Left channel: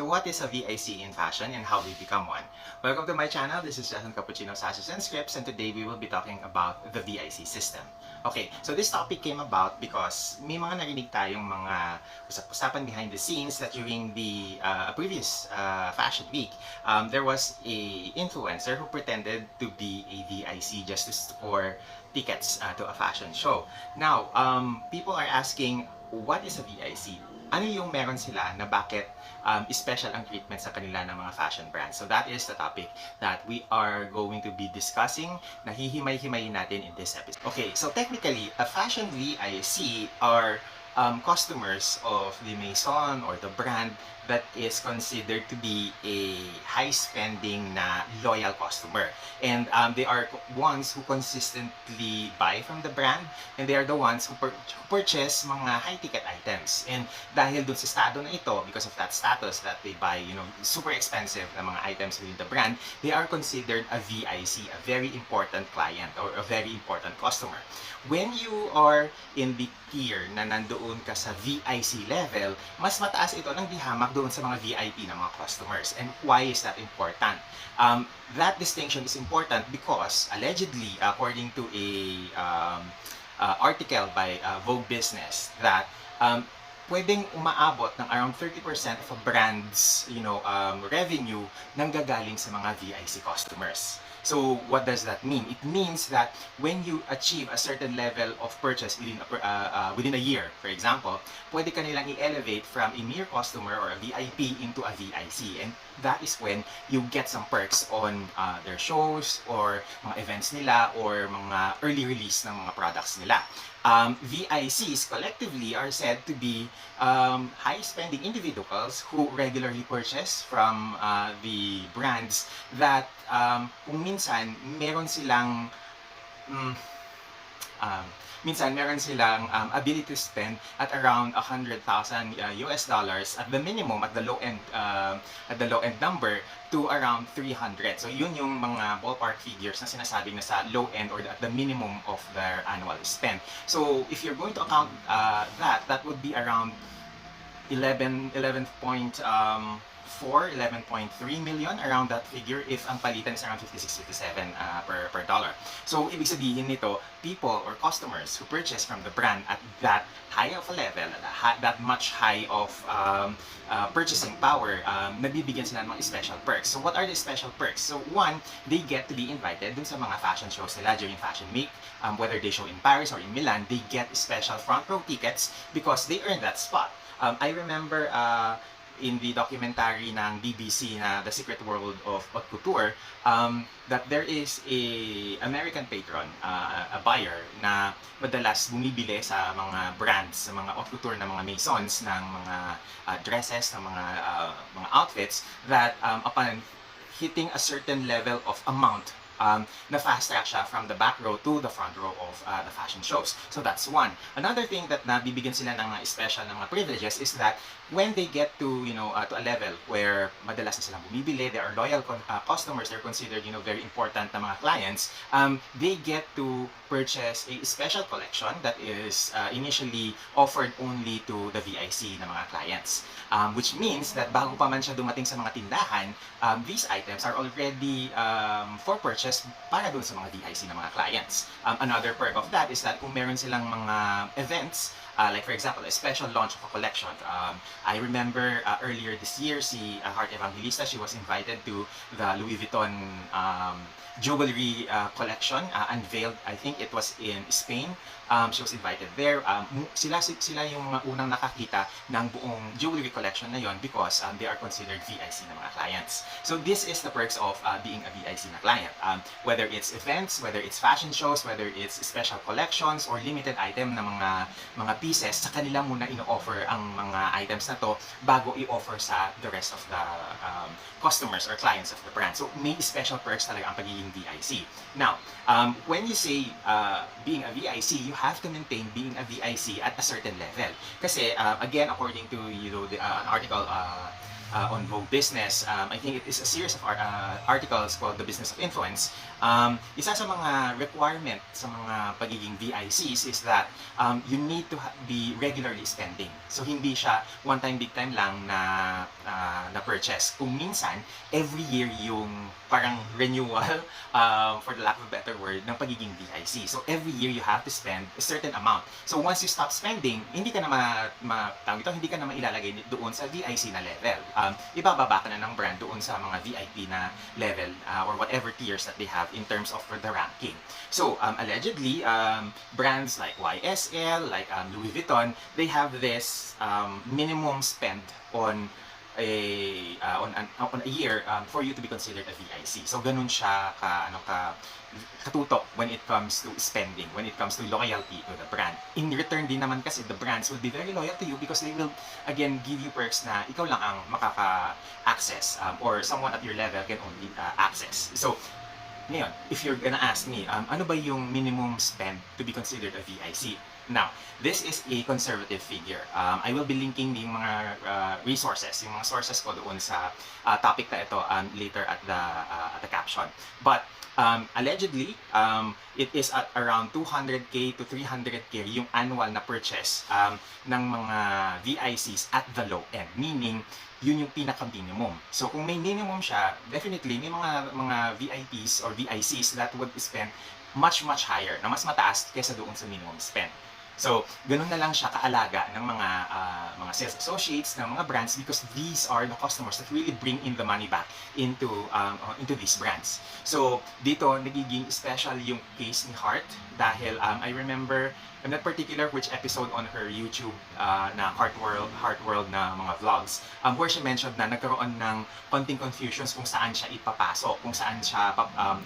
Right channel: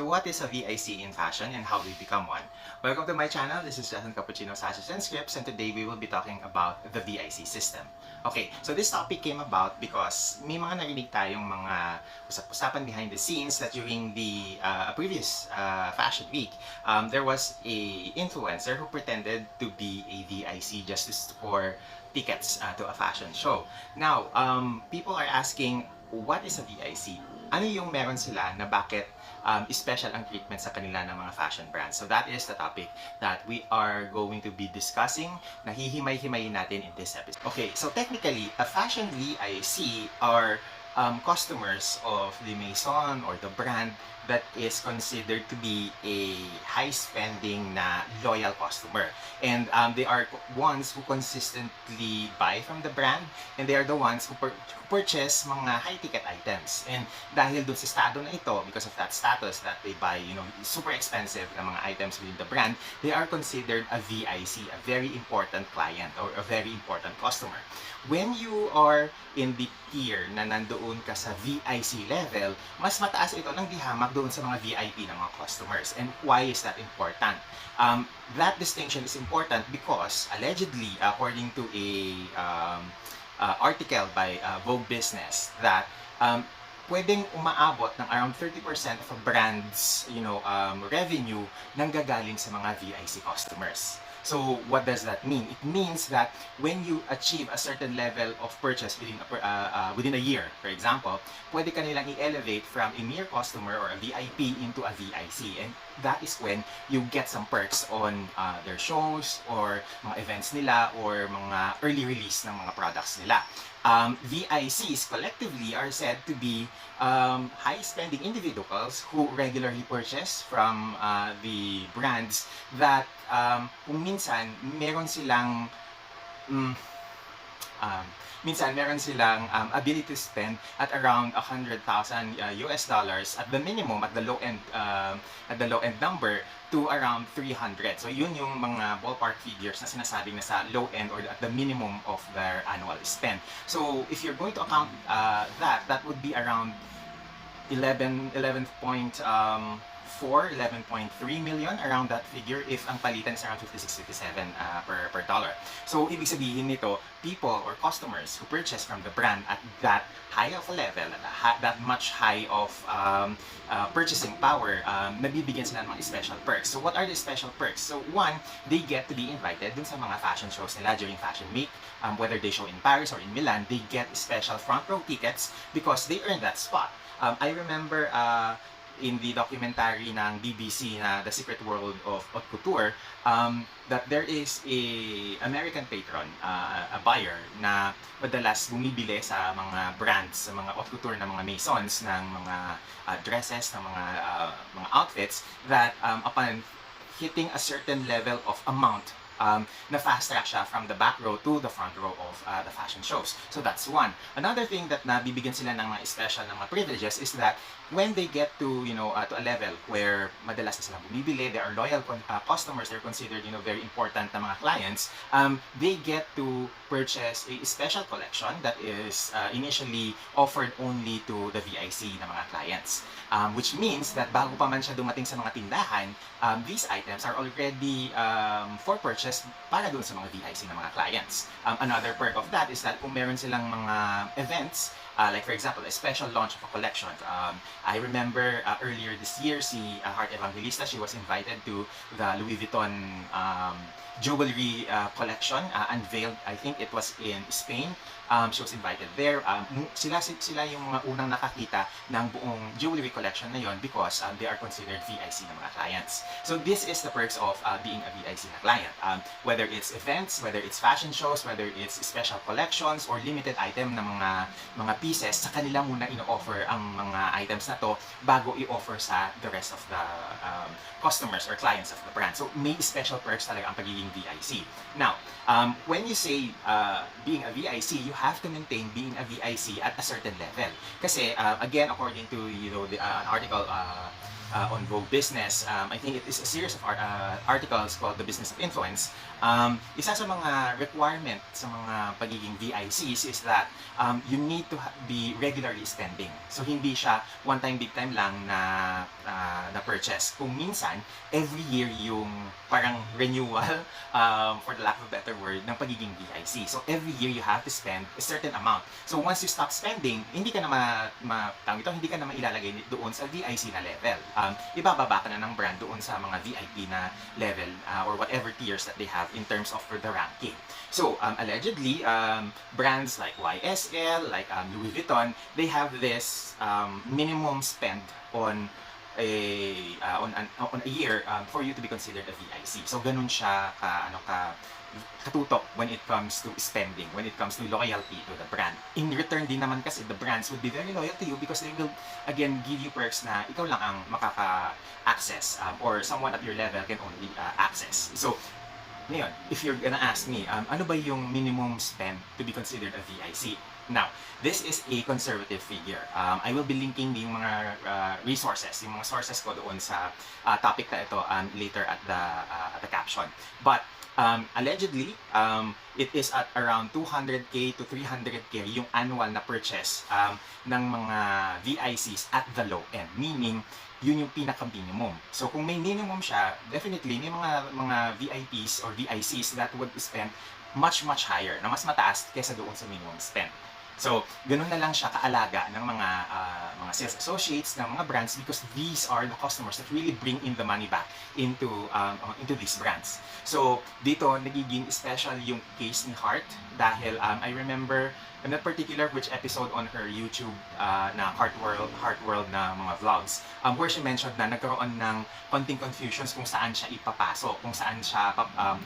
So what is a VIC in fashion and how we become one? Welcome to my channel. This is Justin Cappuccino Sashes and Scripts, and today we will be talking about the VIC system. Okay, so this topic came about because may mga narinig tayong mga usap-usapan behind the scenes that during the previous fashion week, there was a influencer who pretended to be a VIC just to score tickets to a fashion show. Now, people are asking, what is a VIC? Ano yung meron sila na bakit special ang treatment sa kanila ng mga fashion brands? So that is the topic that we are going to be discussing. Nahihimay-himayin natin in this episode. Okay, so technically, a fashion VIC are customers of the maison or the brand that is considered to be a high-spending na loyal customer. And they are ones who consistently buy from the brand, and they are the ones who purchase mga high-ticket items. And dahil dun sa estado na ito, because of that status that they buy, super expensive na mga items within the brand, they are considered a VIC, a very important client or a very important customer. When you are in the tier na nandoon ka sa VIC level, mas mataas ito ng dihamak doon sa mga VIP ng mga customers. And why is that important? That distinction is important because allegedly, according to a article by Vogue Business, that pwedeng umaabot ng around 30% of a brand's revenue nang gagaling sa mga VIC customers. So what does that mean? It means that when you achieve a certain level of purchase within a year, for example, pwede ka nilang i-elevate from a mere customer or a VIP into a VIC. And that is when you get some perks on their shows or mga events nila or mga early release ng mga products nila. VICs collectively are said to be high-spending individuals who regularly purchase from the brands that kung minsan meron silang ability to spend at around $100,000 US dollars at the minimum, at the low end number, to around 300. So yun yung mga ballpark figures na sinasabi na sa low end or at the minimum of their annual spend. So if you're going to account that would be around 11.3 million, around that figure, if ang palitan is around 56-57 per dollar. So ibig sabihin nito, people or customers who purchase from the brand at that high of a level, that much high of purchasing power, nabibigyan sila ng mga special perks. So what are the special perks? So one, they get to be invited dun sa mga fashion shows nila during Fashion Week, whether they show in Paris or in Milan, they get special front row tickets because they earn that spot. I remember in the documentary ng BBC na The Secret World of Haute Couture, that there is a American patron, a buyer, na madalas bumibili sa mga brands, sa mga haute couture na mga maisons, ng mga dresses, ng mga outfits, that upon hitting a certain level of amount, na fast track siya from the back row to the front row of the fashion shows. So that's one. Another thing that nabibigyan sila ng mga special na mga privileges is that when they get to to a level where madalas na silang bumibili, they are loyal customers, they're considered very important na mga clients, they get to purchase a special collection that is initially offered only to the VIC na mga clients. Which means that bago pa man siya dumating sa mga tindahan, these items are already for purchase para doon sa mga VIC na mga clients. Another perk of that is that kung meron silang mga events, like for example, a special launch of a collection. I remember earlier this year, si Heart Evangelista, she was invited to the Louis Vuitton jewelry collection, unveiled, I think it was in Spain. She was invited there. Sila yung unang nakakita ng buong jewelry collection na yon because they are considered VIC na mga clients. So this is the perks of being a VIC na client. Whether it's events, whether it's fashion shows, whether it's special collections or limited item na mga pieces, sa kanila muna ino-offer ang mga items na to bago i-offer sa the rest of the customers or clients of the brand. So may special perks talaga ang pagiging VIC. Now, when you say being a VIC, you have to maintain being a VIC at a certain level. Kasi again, according to the article on Vogue Business. I think it is a series of articles called The Business of Influence. Isa sa mga requirement sa mga pagiging VICs is that you need to be regularly spending. So hindi siya one time big time lang na purchase. Kung minsan, every year yung parang renewal, for the lack of a better word, ng pagiging VIC. So every year you have to spend a certain amount. So once you stop spending, hindi ka na hindi ka na mailalagay doon sa VIC na level. Ibababa ka na ng brand doon sa mga VIP na level or whatever tiers that they have in terms of the ranking. So allegedly, brands like YSL, like Louis Vuitton, they have this minimum spend on a year for you to be considered a VIC. So ganun siya katutok when it comes to spending, when it comes to loyalty to the brand. In return din naman kasi the brands will be very loyal to you because they will again give you perks na ikaw lang ang makaka-access or someone at your level can only access. So ngayon, if you're gonna ask me, ano ba yung minimum spend to be considered a VIC? Now, this is a conservative figure. I will be linking yung mga resources, yung mga sources ko doon sa topic na ito later at the caption. But allegedly, it is at around 200k to 300k yung annual na purchase ng mga VICs at the low end. Meaning, yun yung pinaka-minimum. So kung may minimum siya, definitely may mga VIPs or VICs that would spend much higher, na mas mataas kaysa doon sa minimum spend. So, ganun na lang siya kaalaga ng mga sales associates, ng mga brands because these are the customers that really bring in the money back into these brands. So, dito nagiging special yung case ni Heart dahil I remember, I'm not particular which episode on her YouTube na Heart World na mga vlogs where she mentioned na nagkaroon ng konting confusions kung saan siya ipapasok, kung saan siya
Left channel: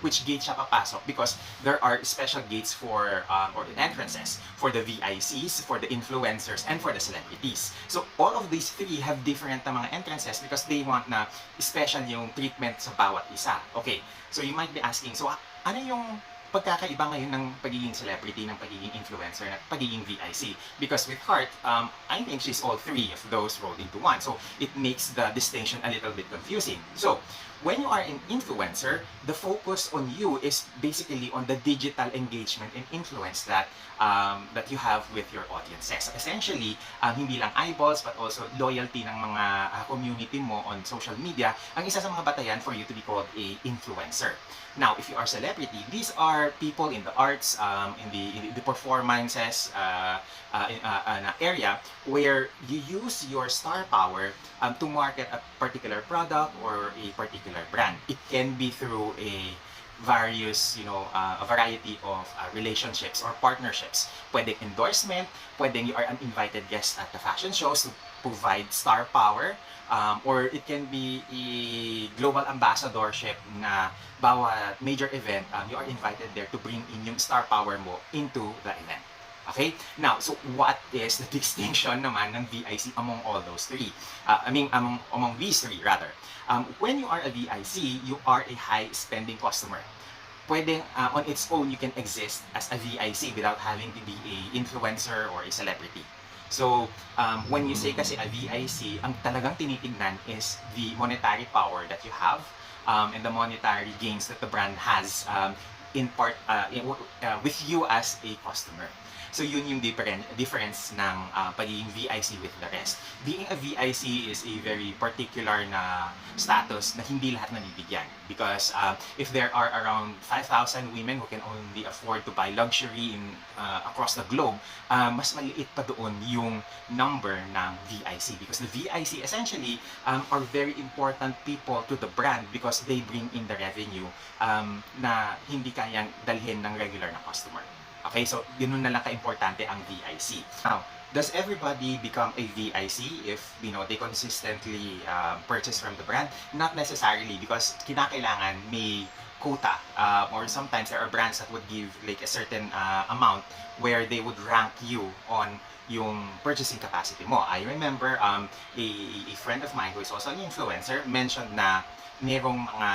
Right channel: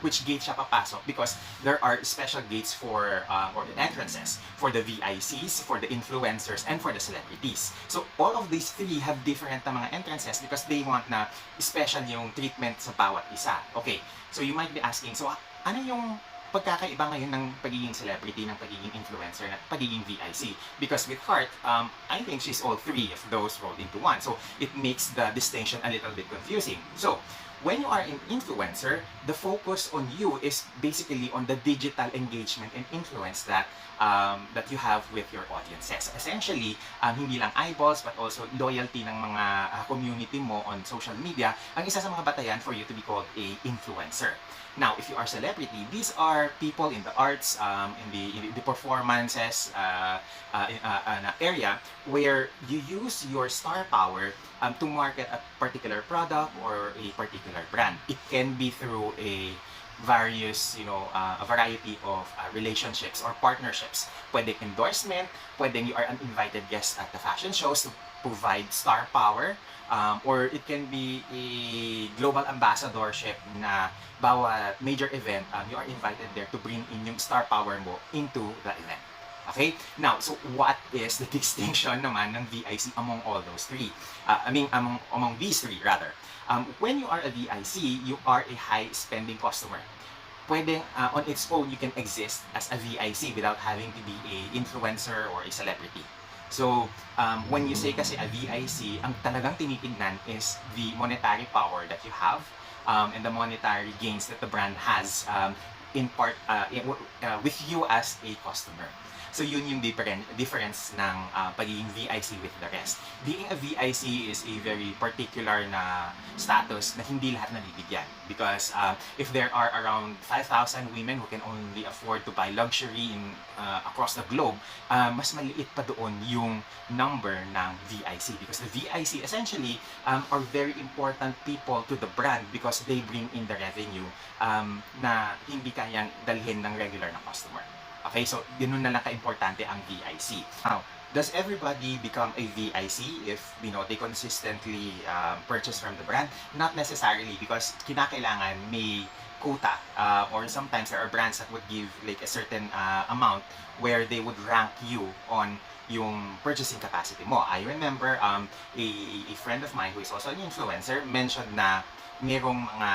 which gate siya papasok because there are special gates for or entrances for the VICs, for the influencers, and for the celebrities. So all of these three have different na mga entrances because they want na special yung treatment sa bawat isa. Okay, so you might be asking, so ano yung pagkakaiba ngayon ng pagiging celebrity, ng pagiging influencer, at pagiging VIC? Because with Heart, I think she's all three of those rolled into one. So it makes the distinction a little bit confusing. So when you are an influencer, the focus on you is basically on the digital engagement and influence that you have with your audiences. So essentially, hindi lang eyeballs but also loyalty ng mga community mo on social media ang isa sa mga batayan for you to be called a influencer. Now, if you are celebrity, these are people in the arts, in the performances area where you use your star power to market a particular product or a particular brand. It can be through a variety of relationships or partnerships. Pwedeng endorsement, pwedeng you are an invited guest at the fashion shows to provide star power, or it can be a global ambassadorship na bawat major event, you are invited there to bring in yung star power mo into the event. Okay? Now, so what is the distinction naman ng VIC among all those three? Among these three, rather. When you are a VIC, you are a high-spending customer. Pwedeng, on its own, you can exist as a VIC without having to be a influencer or a celebrity. So, when you say kasi a VIC, ang talagang tinitignan is the monetary power that you have and the monetary gains that the brand has in part with you as a customer. So yun yung difference ng pagiging VIC with the rest. Being a VIC is a very particular na status na hindi lahat nabibigyan. Because if there are around 5,000 women who can only afford to buy luxury across the globe, mas maliit pa doon yung number ng VIC. Because the VIC essentially are very important people to the brand because they bring in the revenue na hindi kayang dalhin ng regular na customer. Okay, so yun na lang ka-importante ang VIC. Now, does everybody become a VIC if they consistently purchase from the brand? Not necessarily because kinakailangan may quota or sometimes there are brands that would give like a certain amount where they would rank you on yung purchasing capacity mo. I remember a friend of mine who is also an influencer mentioned na merong mga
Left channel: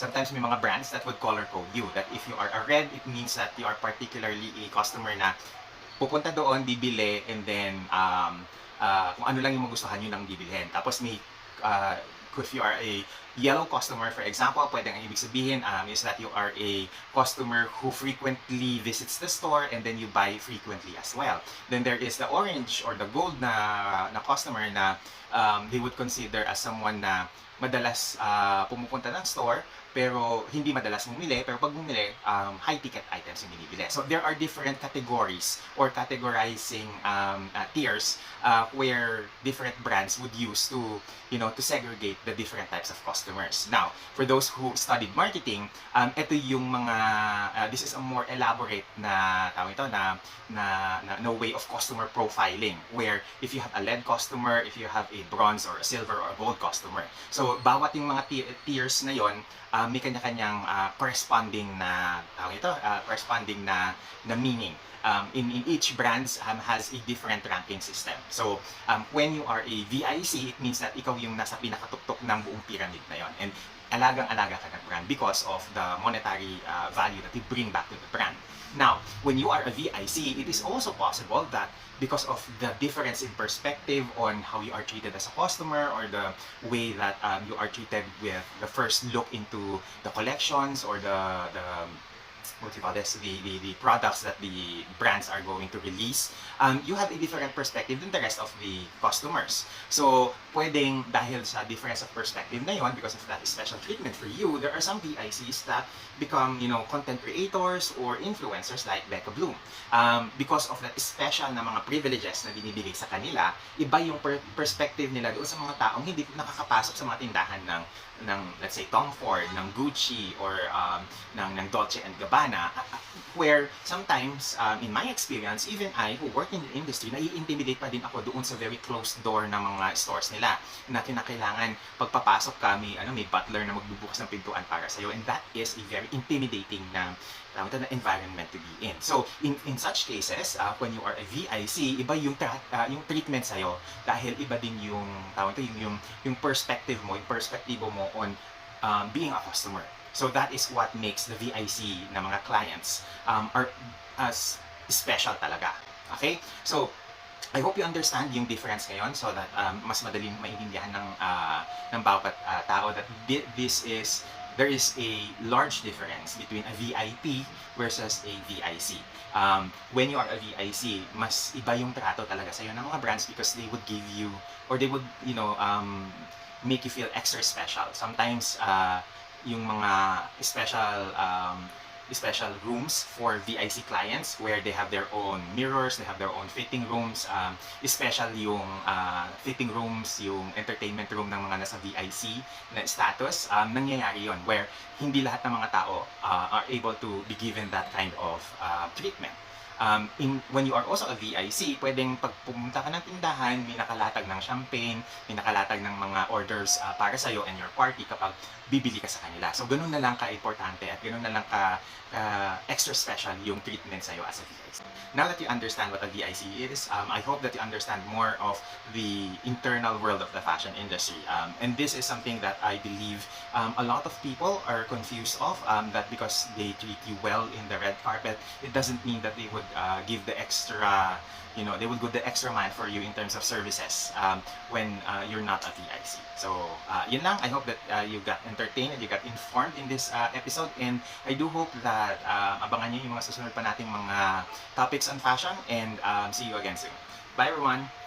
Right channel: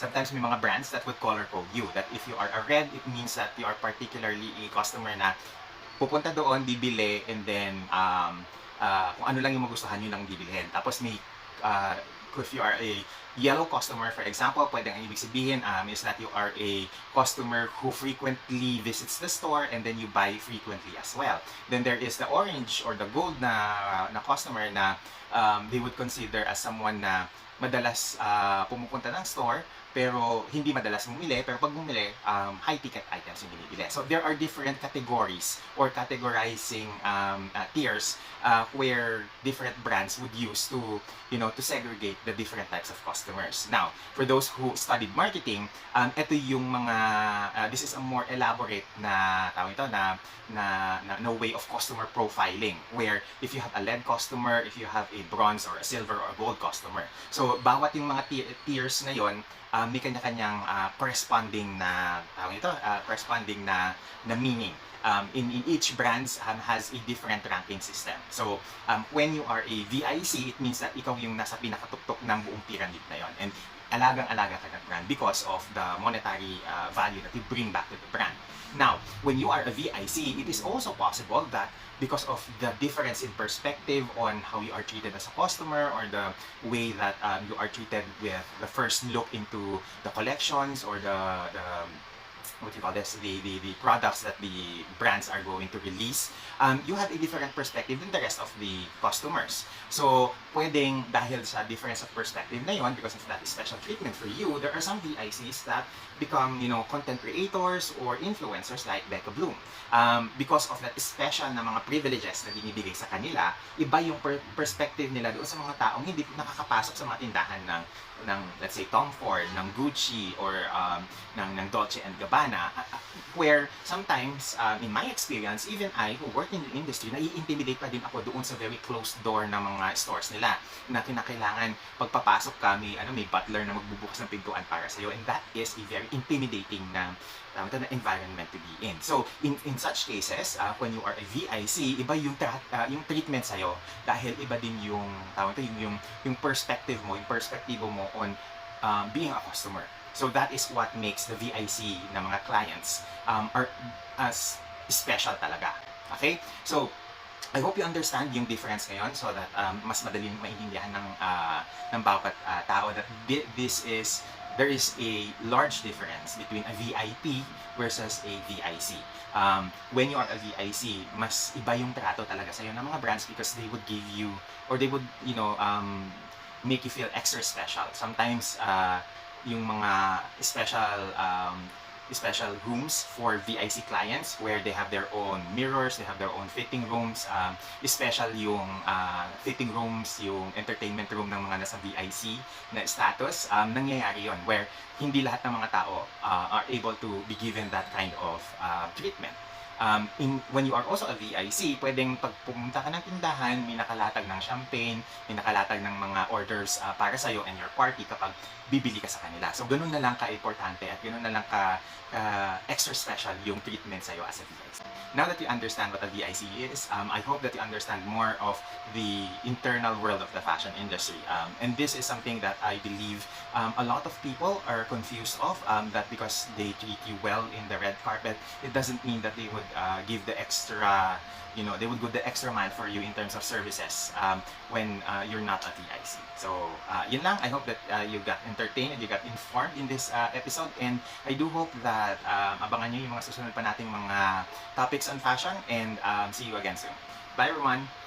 sometimes may mga brands that would color code you. That if you are a red, it means that you are particularly a customer na pupunta doon, bibili, and then kung ano lang yung magustuhan, yun lang bibilhin. Tapos may if you are a yellow customer, for example, pwedeng ang ibig sabihin is that you are a customer who frequently visits the store and then you buy frequently as well. Then there is the orange or the gold na customer na they would consider as someone na madalas pumupunta ng store pero hindi madalas bumili, pero pag bumili, high-ticket items yung binibili. So there are different categories or categorizing tiers where different brands would use to, to segregate the different types of customers. Now, for those who studied marketing, ito yung mga, this is a more elaborate na, tawag ito, na way of customer profiling, where if you have a lead customer, if you have a bronze or a silver or gold customer. So, bawat yung mga tiers na yon, may kanya-kanyang corresponding na meaning. In each brands has a different ranking system. So when you are a VIC, it means that ikaw yung nasa pinakatuktok ng buong pyramid na yon, and alagang-alaga ka ng brand because of the monetary value that you bring back to the brand. Now, when you are a VIC, it is also possible that because of the difference in perspective on how you are treated as a customer or the way that you are treated with the first look into the collections or the what do you call this, the products that the brands are going to release, you have a different perspective than the rest of the customers. So, pwedeng dahil sa difference of perspective na yon, because of that special treatment for you, there are some VICs that become, content creators or influencers like Becca Bloom. Because of that special na mga privileges na binibigay sa kanila, iba yung perspective nila doon sa mga taong hindi nakakapasok sa mga tindahan ng let's say Tom Ford, ng Gucci, or ng Dolce and Gabbana, where sometimes in my experience, even I who work in the industry, nai-intimidate pa din ako doon sa very closed door ng mga stores nila na kinakailangan pagpapasok ka, may butler na magbubukas ng pintuan para sa iyo, and that is a very intimidating na environment to be in. So in such cases, when you are a VIC, iba yung treatment sa iyo dahil iba din yung yung perspective mo, yung perspektibo mo on being a customer. So that is what makes the VIC na mga clients are as special talaga. Okay? So I hope you understand yung difference ngayon so that mas madaling maintindihan ng bawat tao that there is a large difference between a VIP versus a VIC. When you are a VIC, mas iba yung trato talaga sa'yo ng mga brands because they would give you, or they would, make you feel extra special. Sometimes, yung mga special rooms for VIC clients where they have their own mirrors, they have their own fitting rooms, special yung fitting rooms, yung entertainment room ng mga nasa VIC na status, nangyayari yon where hindi lahat ng mga tao are able to be given that kind of treatment. When you are also a VIC, pwedeng pag pumunta ka ng tindahan, may nakalatag ng champagne, may nakalatag ng mga orders para sa'yo and your party kapag bibili ka sa kanila. So, ganun na lang ka-importante at ganun na lang extra special yung treatment sa'yo as a VIC. Now that you understand what a VIC is, I hope that you understand more of the internal world of the fashion industry. And this is something that I believe a lot of people are confused of, that because they treat you well in the red carpet, it doesn't mean that they would give the extra, they would go the extra mile for you in terms of services when you're not a VIC. So, yun lang. I hope that you got entertained and you got informed in this episode, and I do hope that abangan nyo yung mga susunod pa nating mga topics on fashion, and see you again soon. Bye everyone!